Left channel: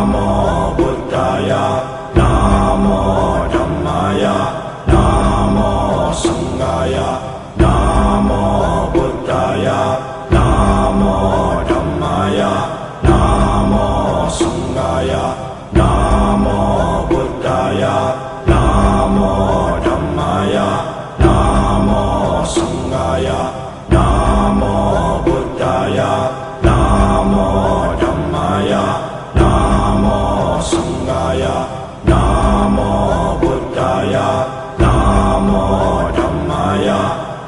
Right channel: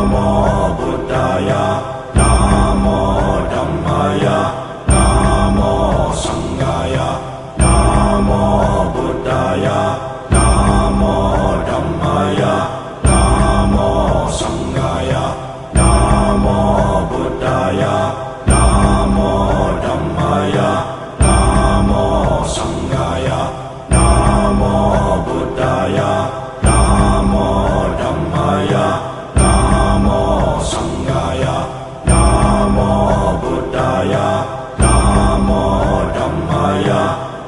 Namo Buddhaya, Namo Dhammaya, Namo Sanghaya, Namo Buddhaya, Namo Dhammaya, Namo Sanghaya, Namo Buddhaya, Namo Dhammaya, Namo Sanghaya, Namo Buddhaya, Namo Dhammaya, Namo Sanghaya, Namo Buddhaya, Namo Dhammaya,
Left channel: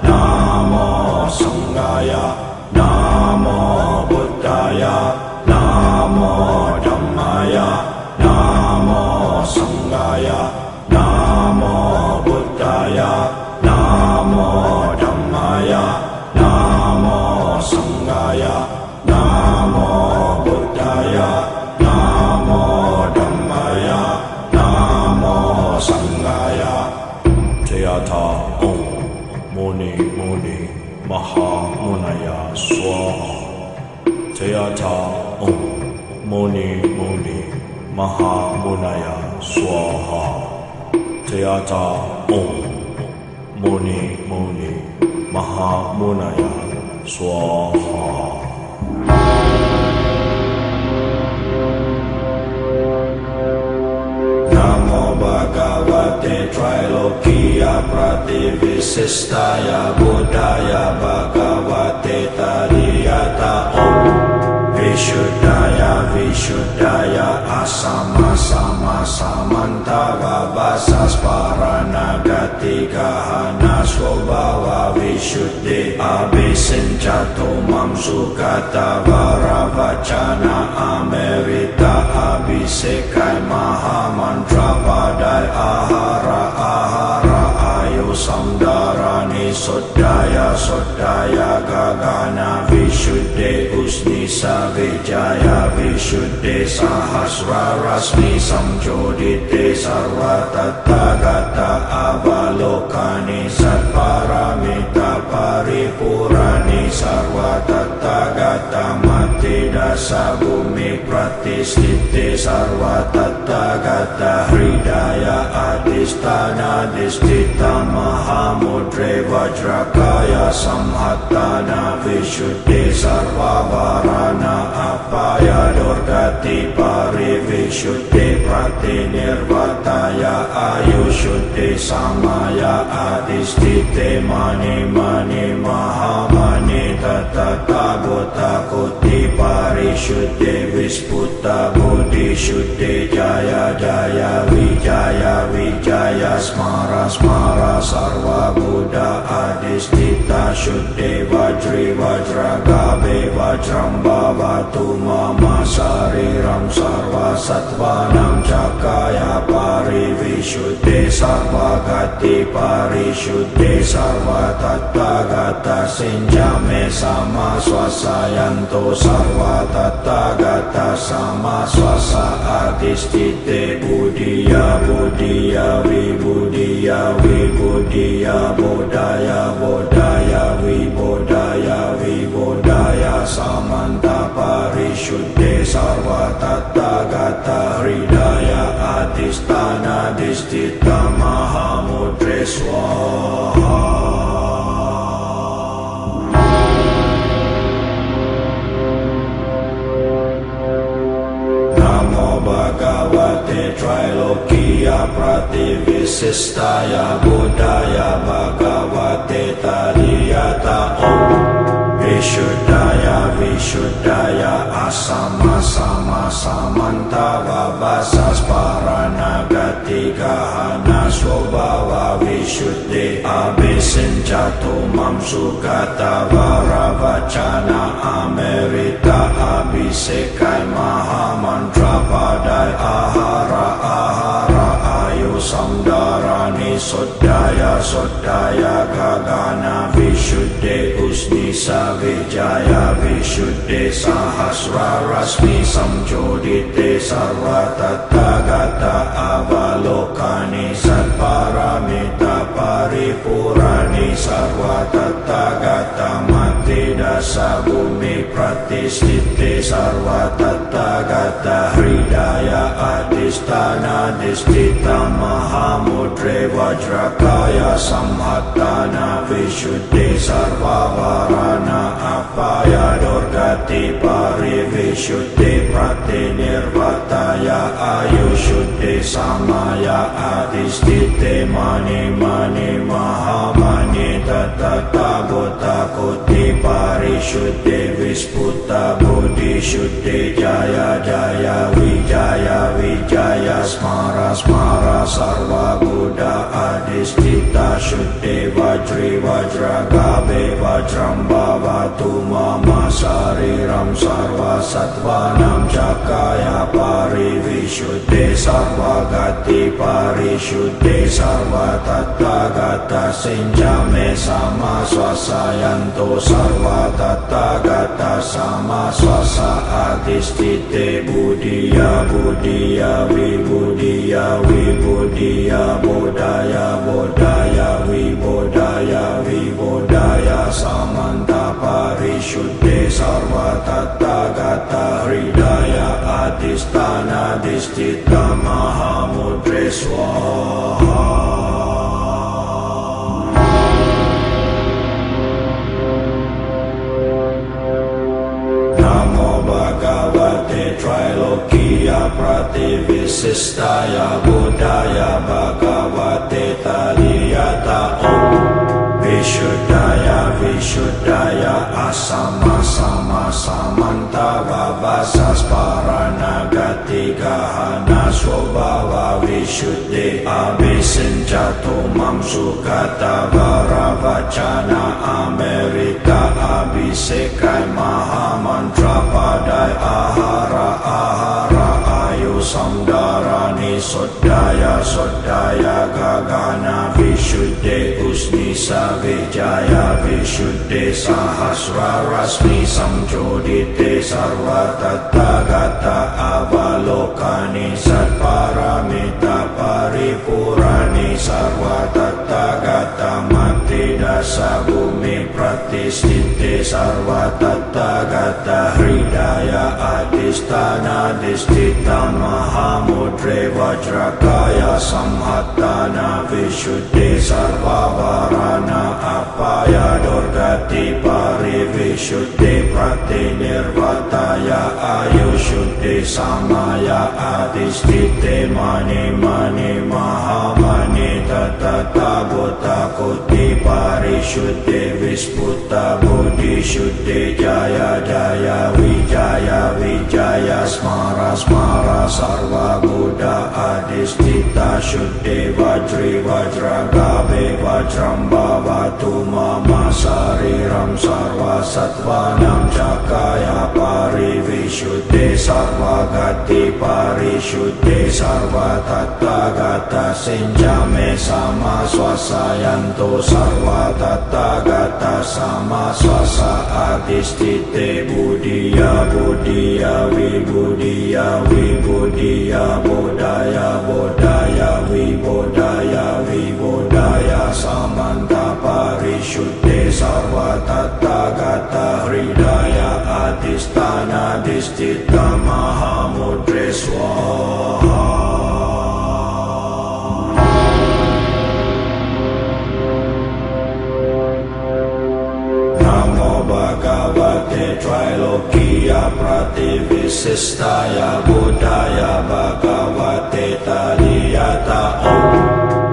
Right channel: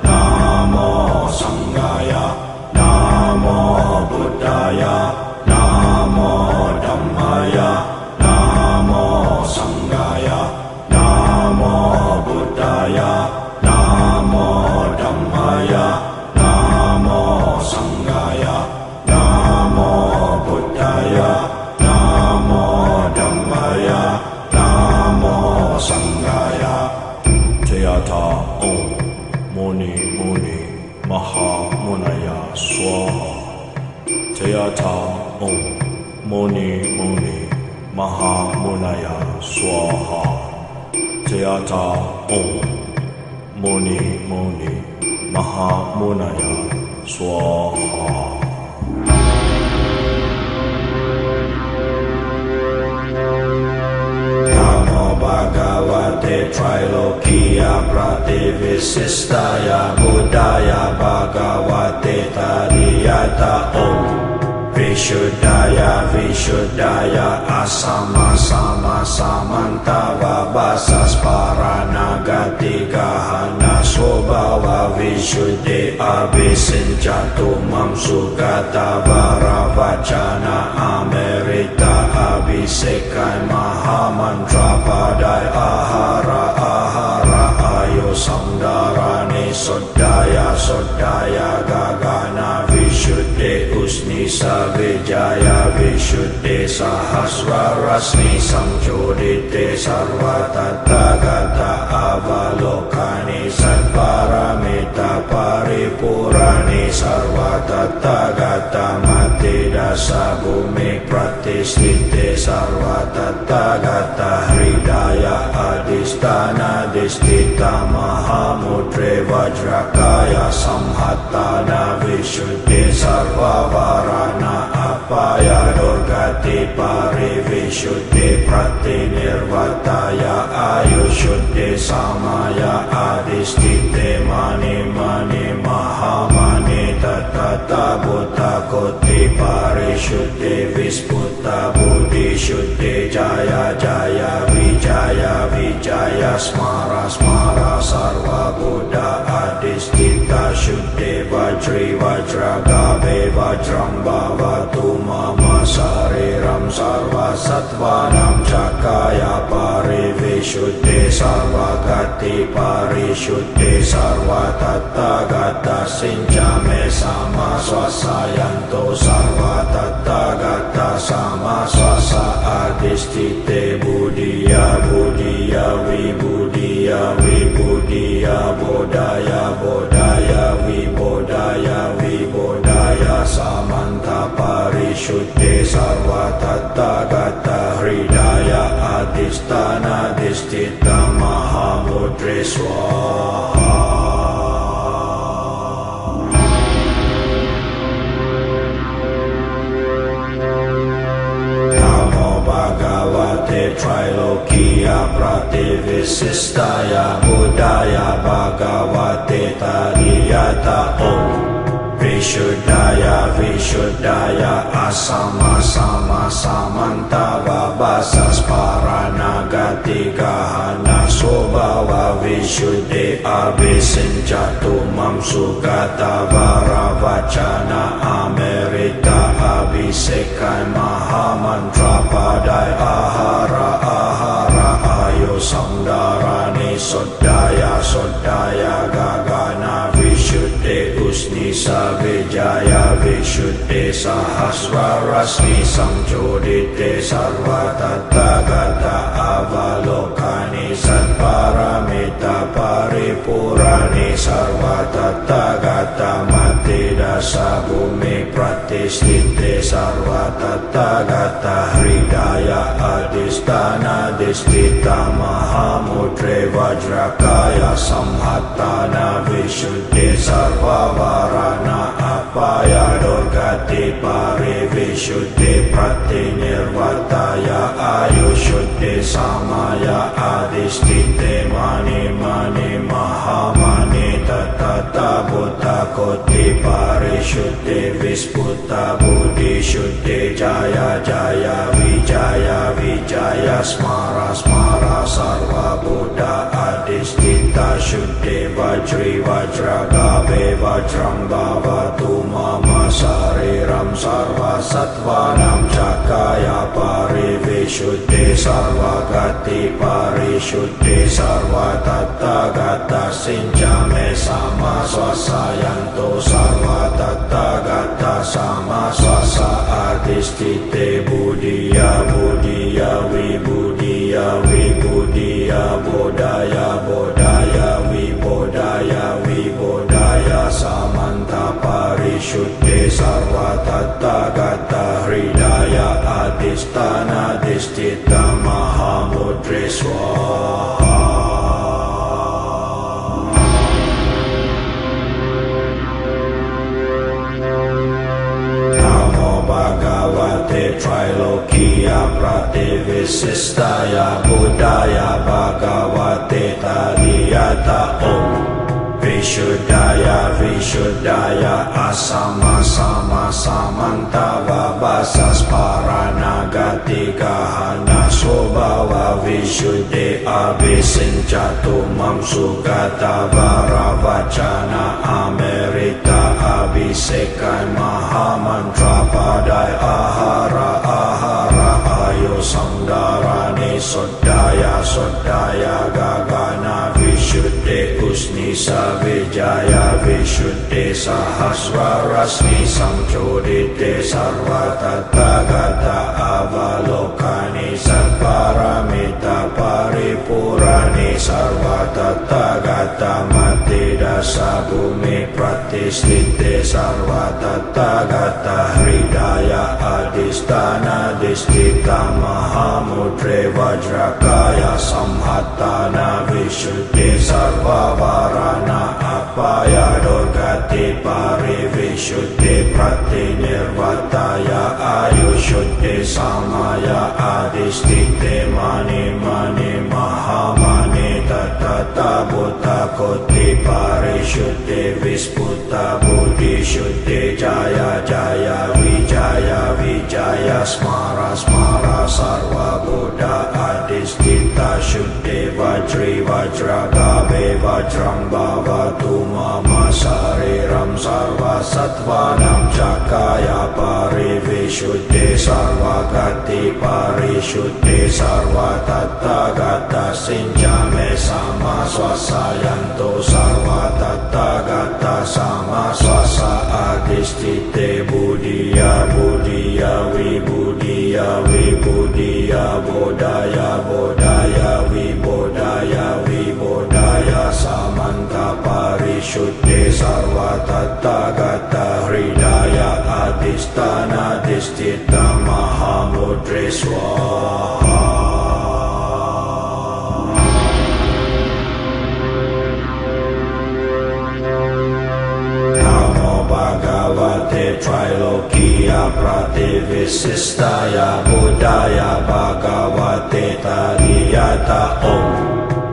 Namo Sanghaya, Namo Buddhaya, Namo Dhammaya, Namo Sanghaya, Namo Buddhaya, Namo Dhammaya, Namo Sanghaya, Namo Buddhaya, Namo Dhammaya, Namo Sanghaya. Jayata Om Muni Muni Maha Munaya Swaha. Jayata Om Muni Muni Maha Munaya Swaha. Jayata Om Muni Muni Maha Munaya Swaha. Namo Bhagavate Trilokiya Prativissistaya Buddhaya Bhagavate Tariyata Om Vishuddhaya Vishuddhaya Asama Sama Samantava Vasas Paranagati Gahana Swabhava Vishuddhi Abhisinchatu Mam Sugata Varavachana Amerita Abhisekai Mahamantra Padai Ahara Ahara Ayu Samdarani Sodaya Sodaya Gagana Vishuddhi Usnisa Vijaya Vishuddhi Sahasra Rasmi Samjodite Sarva Tathagata Avalokani Satparamita Paripurani Sarva Tathagata Matidasa Bhumi Pratisthite Sarva Tathagata Hridaya Adhisthana Adhisthita Mahamudre Vajrakaya Samhattana Vishuddhi Sarva Varana Apaya Durgati Parivishuddhi Pratinirvataya Ayushuddhi Samaya Adhisthite Mani Mani Mahamani Tatata Bhuta Koti Parishuddhi Visputa Buddhi Shuddhi Jaya Jaya Vijaya Vijaya Smara Smara Sarva Buddha Adhisthita Shuddhi Vajri Vajragabe Vajram Bhavatu Mama Sariram Sarva Sattvanam Chakaya Parivishuddhi Sarva Gati Parishuddhi Sarva Tathagata Sinjame Sama Swasayanto Sarva Tathagata Sama Swasa Adhisthite Buddhiya Buddhiya Vibhuddhiya Vibhuddhiya Bodhaya Bodhaya Vibodhaya Vibodhaya Samanta Parishuddhi Sarva Tathagata Hridaya Adhisthana Adhisthita Mahamudre Swaha. Bhagavate Trilokiya Prativissistaya Buddhaya Bhagavate Tariyata Om Vishuddhaya Vishuddhaya Asama Sama Samantava Vasas Paranagati Gahana Swabhava Vishuddhi Abhisinchatu Mam Sugata Varavachana Amerita Abhisekai Mahamantra Padai Ahara Ahara Ayu Samdarani Sodaya Sodaya Gagana Vishuddhi Usnisa Vijaya Vishuddhi Sahasra Rasmi Samjodite Sarva Tathagata Avalokani Satparamita Paripurani Sarva Tathagata Matidasa dasa bumi pratistite sarva tathagata hridaya adhisthana disthita mahamudre vajrakaya samhattana vishuddhi sarva varana apaya durgati parivishuddhi pratinirvataya ayushuddhi samaya adhisthite mani mani mahamani tatata buddha koti parishuddhi visputa buddhi shuddhi jaya jaya vijaya smara smara sarva buddha adhisthita shuddhi vajri vajra gabe vajram bhavatu mama sariram sarva sattvanam cakaya parivishuddhi sarva gati parishuddhi sarva tathagata sinjame sama swasayanto sarva tathagata sama swasa adhisthite buddhiya buddhiya vibudhiya vibudhiya bodhaya bodhaya vibodhaya vibodhaya samanta parishuddhe sarva tathagata hridaya adhisthana disthita mahamudre swaha. Bhagavate Trilokiya Prativissistaya Buddhaya Bhagavate Taliyata Om Vishuddhaya Vishuddhaya Asama Sama Samantava Vasas Paranagati Gahana Swabhava Vishuddhi Abhisinchatu Mamsukata Varavachana Amerita Abhisekai Mahamantra Padai Ahara Ahara Ayu Samdarani Sodaya Sodaya Gagana Vishuddhi Usnisa Vijaya Vishuddhi Sahasra Rasmi Samchodite Sarva Tathagata Avalokani Satparamita Paripurani Sarva Tathagata Mati Dasa Bumi Pratistite Sarva Tathagata Hridaya Adhisthana Disthita Mahamudre Vajrakaya Samhattana Vishuddhi Sarva Varana Apaya Durgati Parivishuddhi Pratinirvataya Ayushuddhi Samaya Adhisthite Mani Mani Mahamani Tatata Buddha Koti Parishuddhi Visputa Buddhi Shuddhi Jaya Jaya Vijaya Smara Smara Sarva Buddha Adhisthita Shuddhi Vajri Vajra Gabe Vajram Bhavatu Mama Sariram Sarva Sattvanam Cakaya Parivishuddhi Sarva Gati Parishuddhi Sarva Tathagata Sinjame Sama Swasayanto Sarva Tathagata Sama Swasa Adhisthite Buddhiya Buddhiya Vibudhiya Vibudhiya Bodhaya Bodhaya Vibodhaya Vibodhaya Samanta Parishuddhe Sarva Tathagata Hridaya Adhisthana Disthita Mahamudre Swaha. Bhagavate Trilokiya Prativissistaya Buddhaya Bhagavate Taliyata Om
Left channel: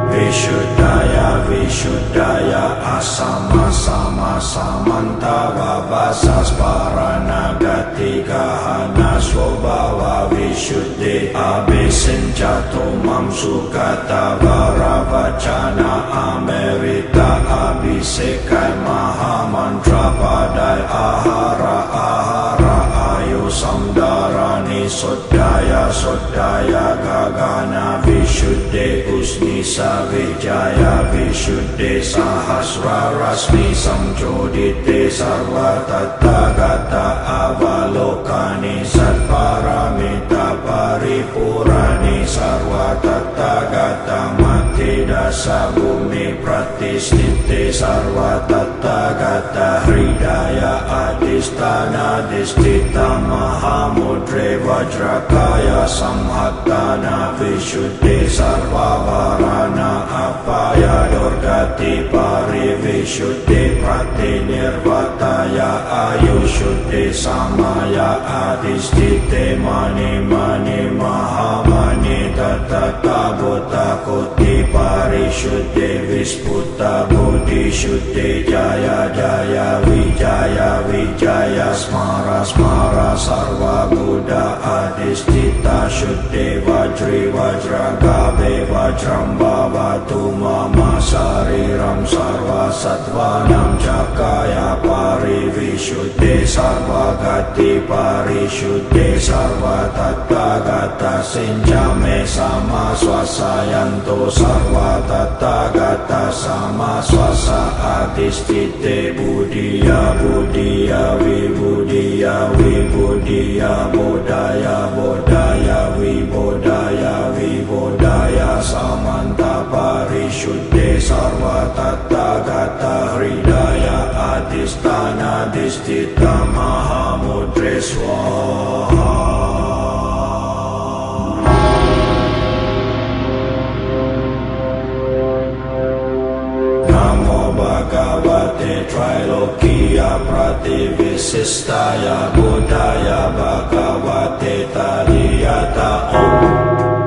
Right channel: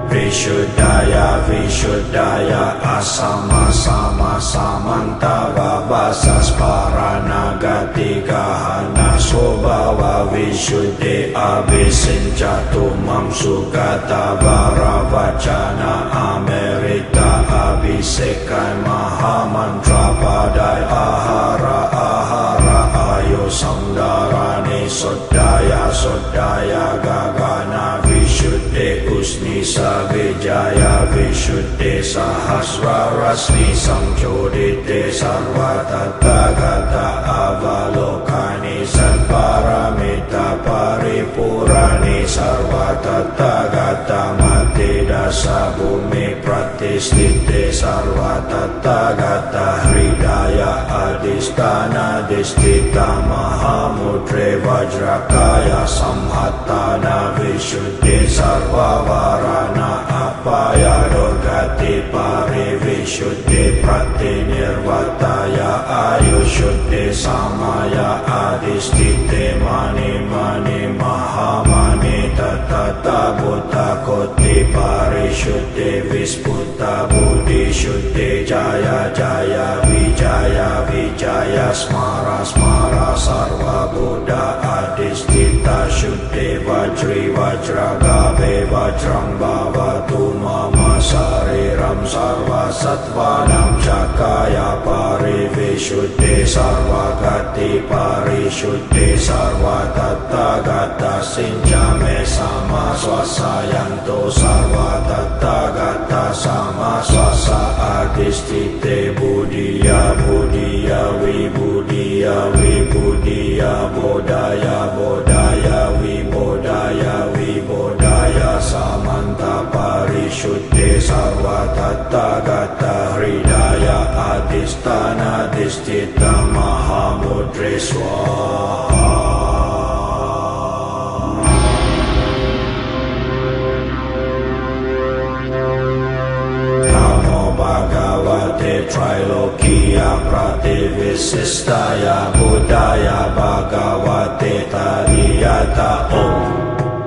Vishuddhaya Vishuddhaya Asama Sama Samantava Vasas Paranagati Gahana Swabhava Vishuddhi Abhisinchatu Mamsukata Varavachana Amerita Abhisekai Mahamantra Padai Ahara Ahara Ayu Samdarani Sodaya Sodaya Gagana Vishuddhi Usnisa Vijaya Vishuddhi Sahasra Rasmi Samchodite Sarva Tathagata Avalokani Satparamita Paripurani Sarva Tathagata Mati mati dasa bumi pratisthite sarva tathagata hridaya adhisthana disthita mahamudre vajrakaya samhattana vishuddhi sarva varana apaya durgati parivishuddhi pratinirvataya ayushuddhi samaya adhisthite mani mani mahamani tatata buddha koti parishuddhi visputa buddhi shuddhi jaya jaya vijaya smara smara sarva buddha adhisthita shuddhi vajri vajragabe vajram bhavatu mama sariram sarva sattvanam cakaya parivishuddhi sarva gati parishuddhi sarva tathagata sinjame sama swasayanto sarva tathagata sama swasa adhisthite buddhiya buddhiya vibudhiya vibudhiya bodhaya bodhaya vibodhaya vibodhaya samanta parishuddhi sarva tathagata hridaya adhisthana disthita mahamudre swaha. Bhagavate Trilokiya Prativissistaya Buddhaya Bhagavate Tariyata Om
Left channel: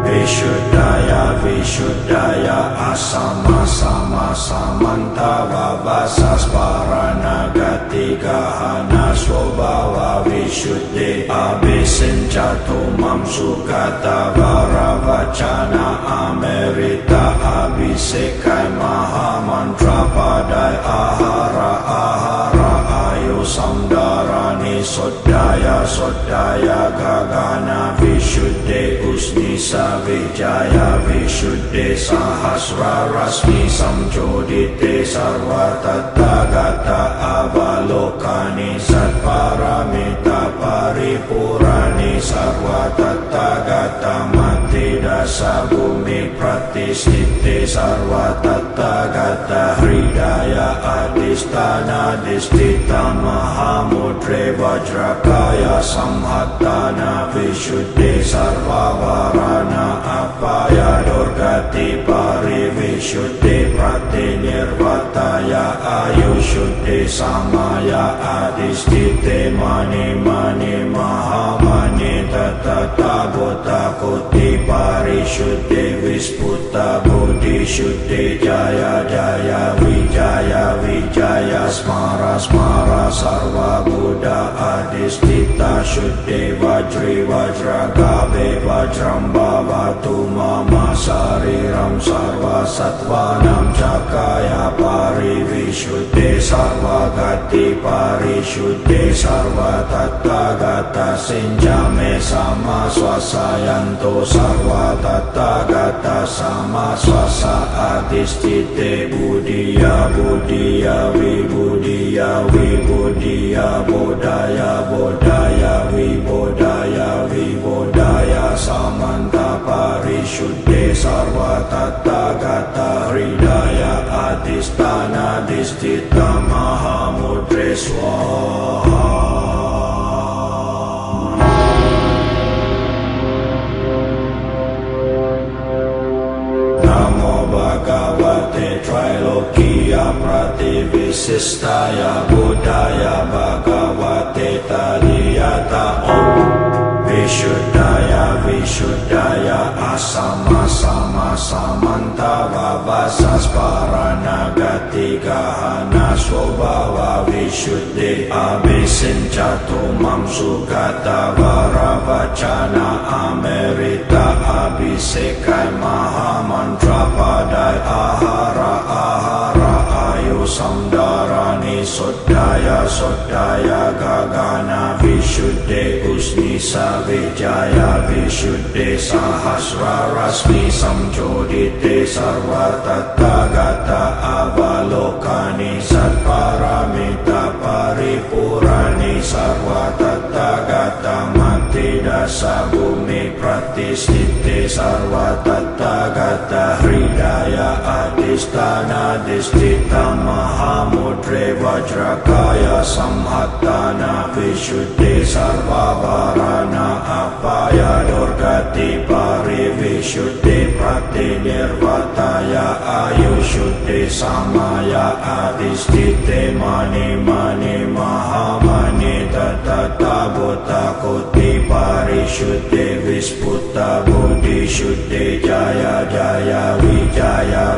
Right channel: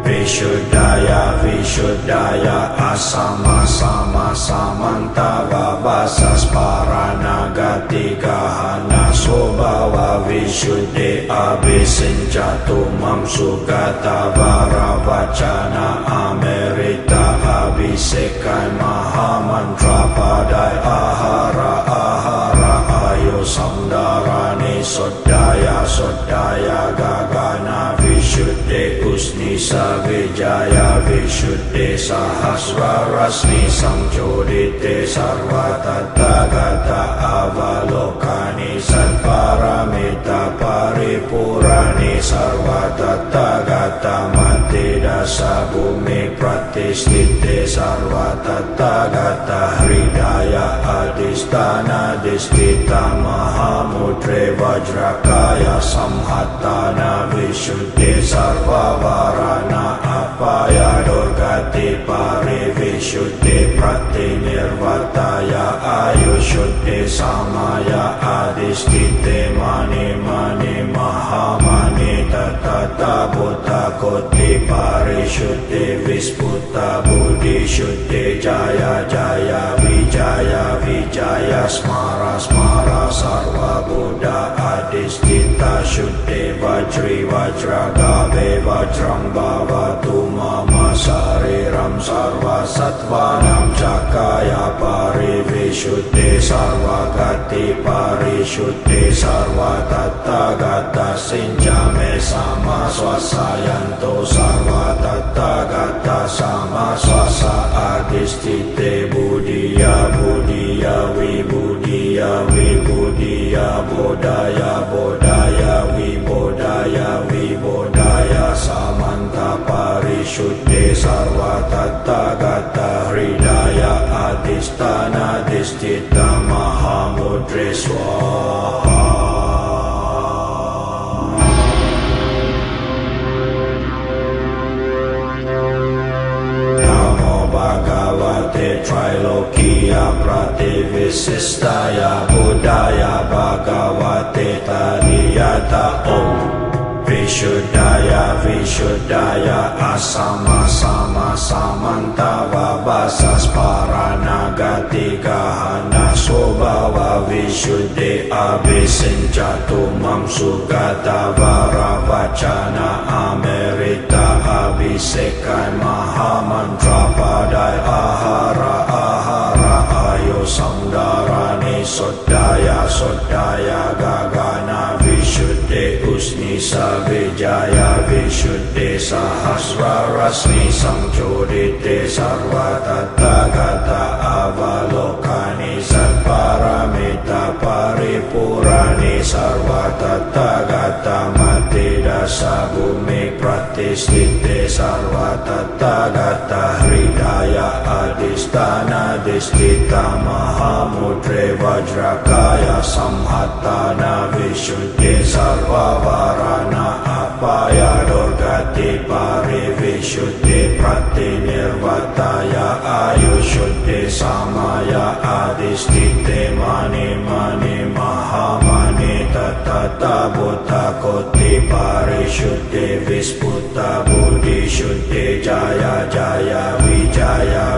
Vishuddhaya Vishuddhaya Asama Sama Samanta Vabasas Paranagati Gahana Swabhava Vishuddhi Abhisinchatu Mamsukata Varavachana Amerita Abhisekai Mahamantra Padai Ahara Ahara Ayu Samdarani Sodaya Sodaya Gagana Vishuddhi Usnisa Vijaya Vishuddhi Sahasra Rasmi Samchodite Sarva Tathagata Avalokani Satparamita Paripurani Sarva Tathagata Mati Dasa Bhumi Pratisthite Sarva Tathagata Hridaya Adhisthana Disthita Mahamudre Vajrakaya Samhattana Vishuddhi Sarva Varana Apaya Durgati Parivishuddhi Pratinirvataya Ayushuddhi Samaya Adhisthite Mani Mani Mahamani Tatata Buddha Koti Parishuddhi Visputa Buddhi Shuddhi Jaya Jaya Vijaya Smara Smara Sarva Buddha Adhisthita Shuddhi Vajri Vajragabe Vajram Bhavatu Mama Sariram Sarva Sattvanam Cakaya Parivishuddhi Sarva Gati Parishuddhi Sarva Tathagata Sinjame Sama Swasayanto Sarva Tathagata Sama Swasa Adhisthite Buddhiya Buddhiya Vibudhiya Vibudhiya Bodhaya Bodhaya Vibodhaya Vibodhaya Samanta Parishuddhi Sarva Tathagata Hridaya Adhisthana Disthita Mahamudre Swaha. Bhagavate Trilokiya Prativissistaya Buddhaya Bhagavate Tariyata Om Vishuddhaya Vishuddhaya Asama Sama Samanta Vabasas Paranagati Gahana Swabhava Vishuddhi Abhisinchatu Mamsukata Varavachana Amerita Abhisekai Mahamantra Padai Ahara Ahara Ayu Samdarani Sodaya Sodaya Gagana Vishuddhi Usnisa Vijaya Vishuddhi Sahasra Rasmi Samchodite Sarva Tathagata Avalokani Satparamita Paripurani Sarva Tathagata Matida dasa bumi pratistite sarva tathagata hridaya adhisthana disthita mahamudre vajrakaya samhattana visuddhi sarva varana apaya durgati parivisuddhi pratinirvataya ayushuddhi samaya adhisthite mani mani mahamani tata buddha koti parisuddhi visputa buddhi shuddhi jaya jaya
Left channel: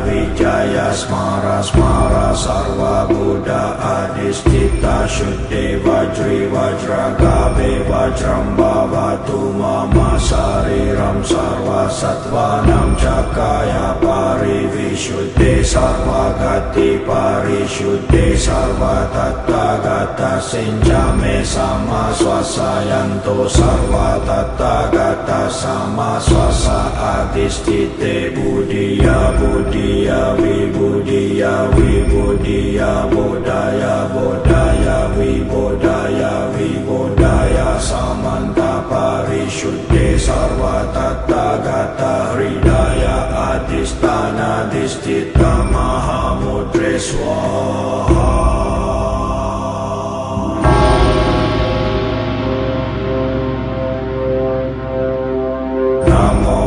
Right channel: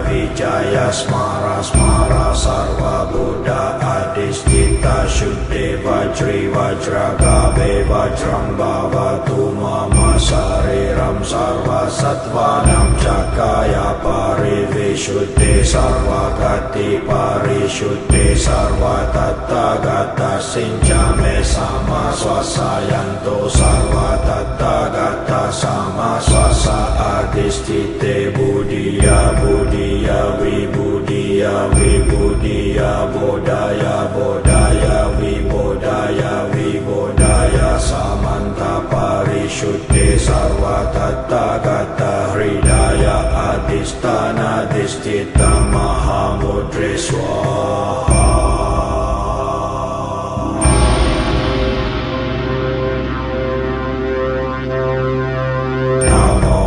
vijaya smara smara sarva buddha adhisthita shuddhi vajri vajra gabe vajram bhavatu mama sariram sarva sattvanam cakaya parivisuddhi sarva gati parisuddhi sarva tathagata sinjame sama swasayanto sarva tathagata sama swasa adhisthite buddhiya buddhiya vibudhiya vibudhiya bodhaya bodhaya vibodhaya samanta parisuddhi sarva tathagata hridaya adhisthana disthita mahamudre swaha.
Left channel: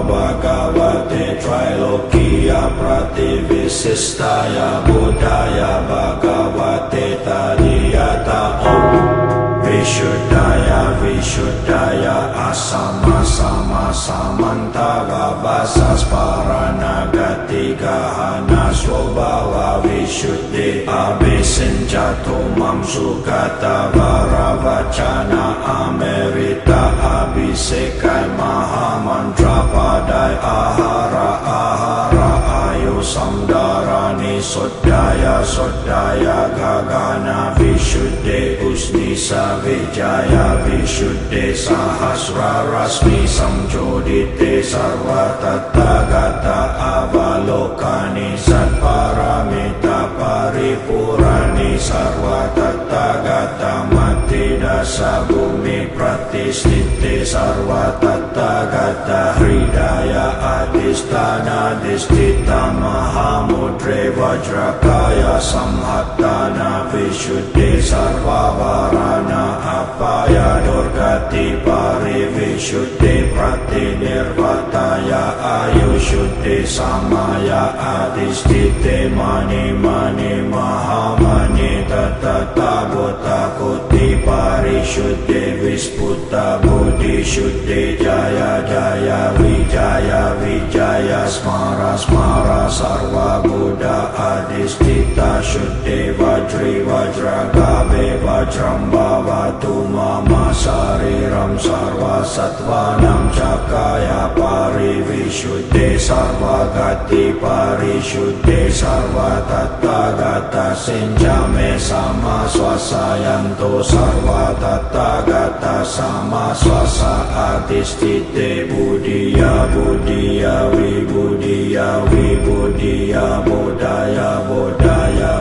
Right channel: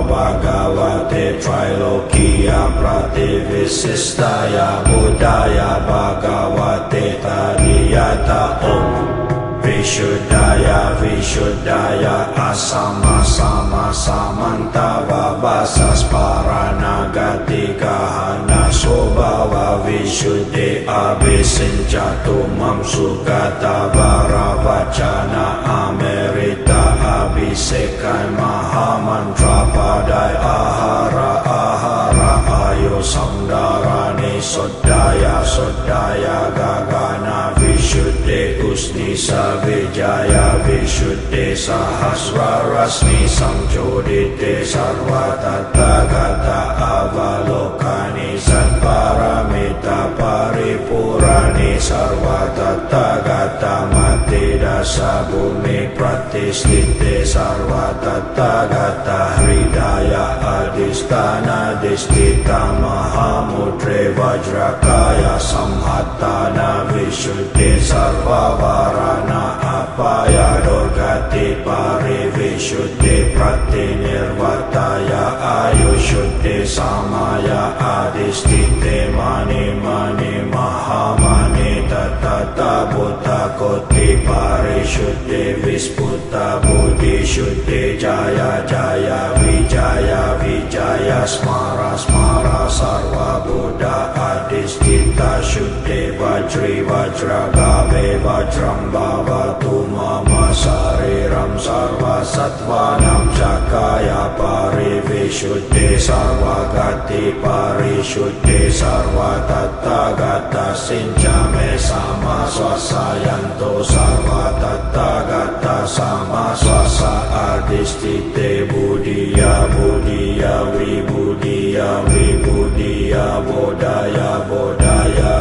Bhagavate Trilokiya Prativissistaya Buddhaya Bhagavate Tariyata Om Vishuddhaya Vishuddhaya Asama Sama Samantava Vasas Paranagati Gahana Swabhava Vishuddhi Abhisinchatu Mamsukata Varavachana Amerita Abhisekan Mahamantra Padai Ahara Ahara Ayu Samdarani Sodaya Sodaya Gagana Vishuddhi Usnisa Vijaya Vishuddhi Sahasra Rasmi Samchodite Sarva Tathagata Avalokani Satparamita Paripurani Sarva Tathagata Mati Dasa Bumi Pratistite Sarva Tathagata Hridaya Adhisthana Disthita Mahamudre Vajrakaya Samhattana Visuddhi Sarva Varana Apaya Durgati Parivisuddhi Pratinirvataya Ayushuddhi Samaya Adhisthite Mani Mani Mahamani Tata Buddha Koti Parisuddhi Visputa Buddhi Shuddhi Jaya Jaya Vijaya Smara Smara Sarva Buddha Adhisthita Shuddhi Vajri Vajra Gabe Vajram Bhavatu Mama Sariram Sarva Sattvanam Cakaya Parivisuddhi Sarva Gati Parisuddhi Sarva Tathagata Sinjame Sama Swasayanto Sarva Tathagata Sama Swasa Adhisthite Buddhiya Buddhiya Vibudhiya Vibudhiya Bodhaya Bodhaya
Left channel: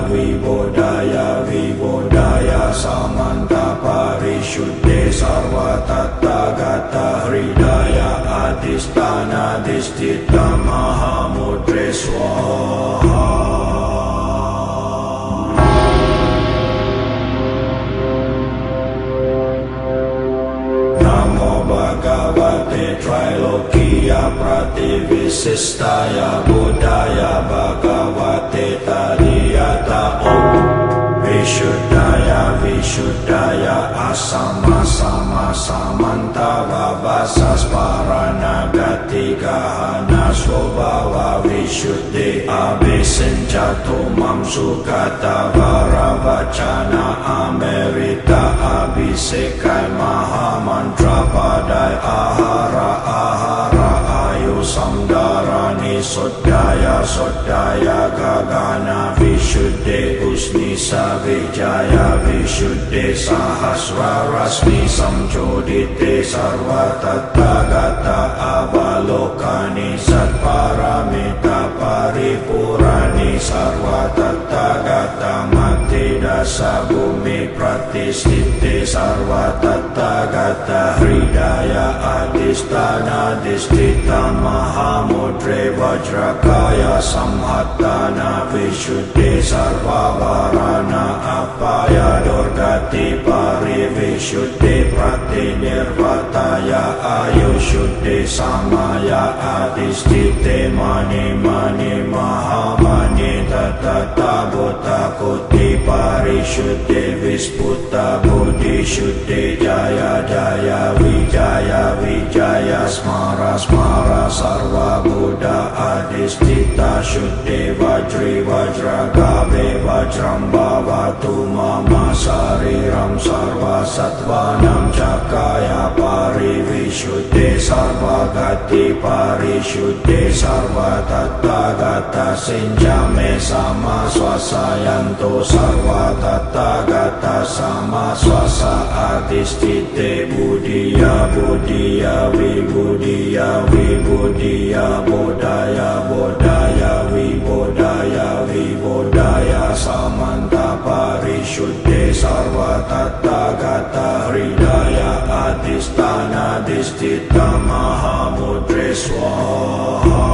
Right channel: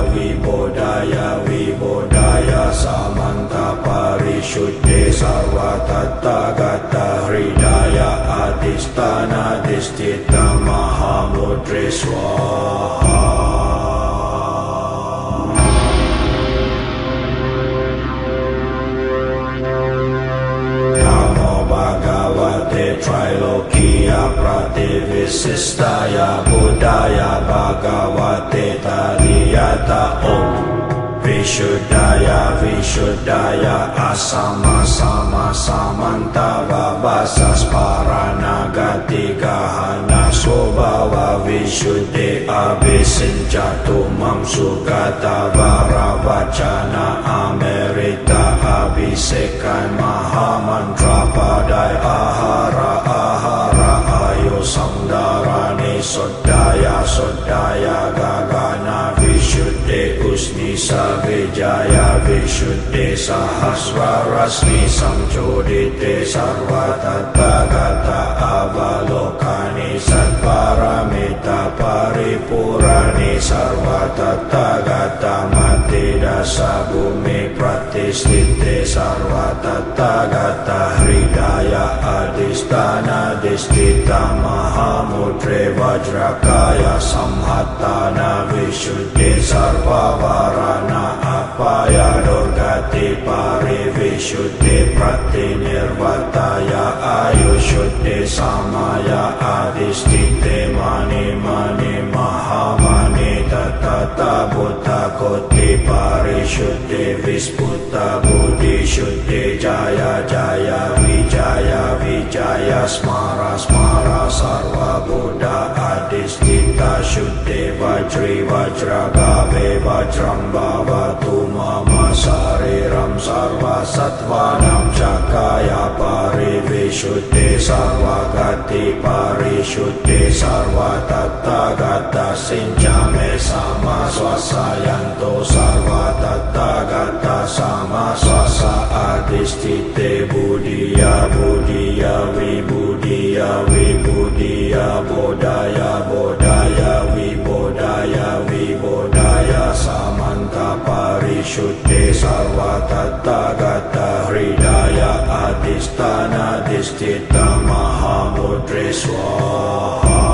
Vibodhaya Samanta Parisuddhi Sarva Tathagata Hridaya Adhisthana Disthita Mahamudre Swaha. Bhagavate Trilokiya Prativissistaya Buddhaya Bhagavate Tariyata Om Vishuddhaya Vishuddhaya Asama Sama Samantava Vasas Paranagati Gahana Swabhava Vishuddhi Abhisinchatu Mamsukata Varavachana Amerita Abhisekan Mahamantra Padai Ahara Ahara Ayu Samdarani Sodaya Sodaya Gagana Vishuddhi Usnisa Vijaya Vishuddhi Sahasra Rasmi Samchodite Sarva Tathagata Avalokani Satparamita Paripurani Sarva Tathagata Mati Dasa Bumi Pratistite Sarva Tathagata Hridaya adhisthana disthita mahamudre vajrakaya samhattana vishuddhi sarvavarana apaya durgati parivishuddhi pratinirvataya ayushuddhi samaya adhisthite mani mani mahamani tatata buddha koti parishuddhi visputa buddhi shuddhi jaya jaya vijaya smara smara sarva buddha adhisthita shuddhi vajri vajragave vajram bhavatu mama sariram sarva sattvanam cakaya parivishuddhi sarva gati parishuddhi sarva tathagata sinjame sama swasayanto sarva tathagata sama swasa adhisthite buddhiya buddhiya vibudhiya vibudhiya bodhaya bodhaya vibodhaya vibodhaya samanta parishuddhe sarva tathagata hridaya adhisthana disthita mahamudre swaha.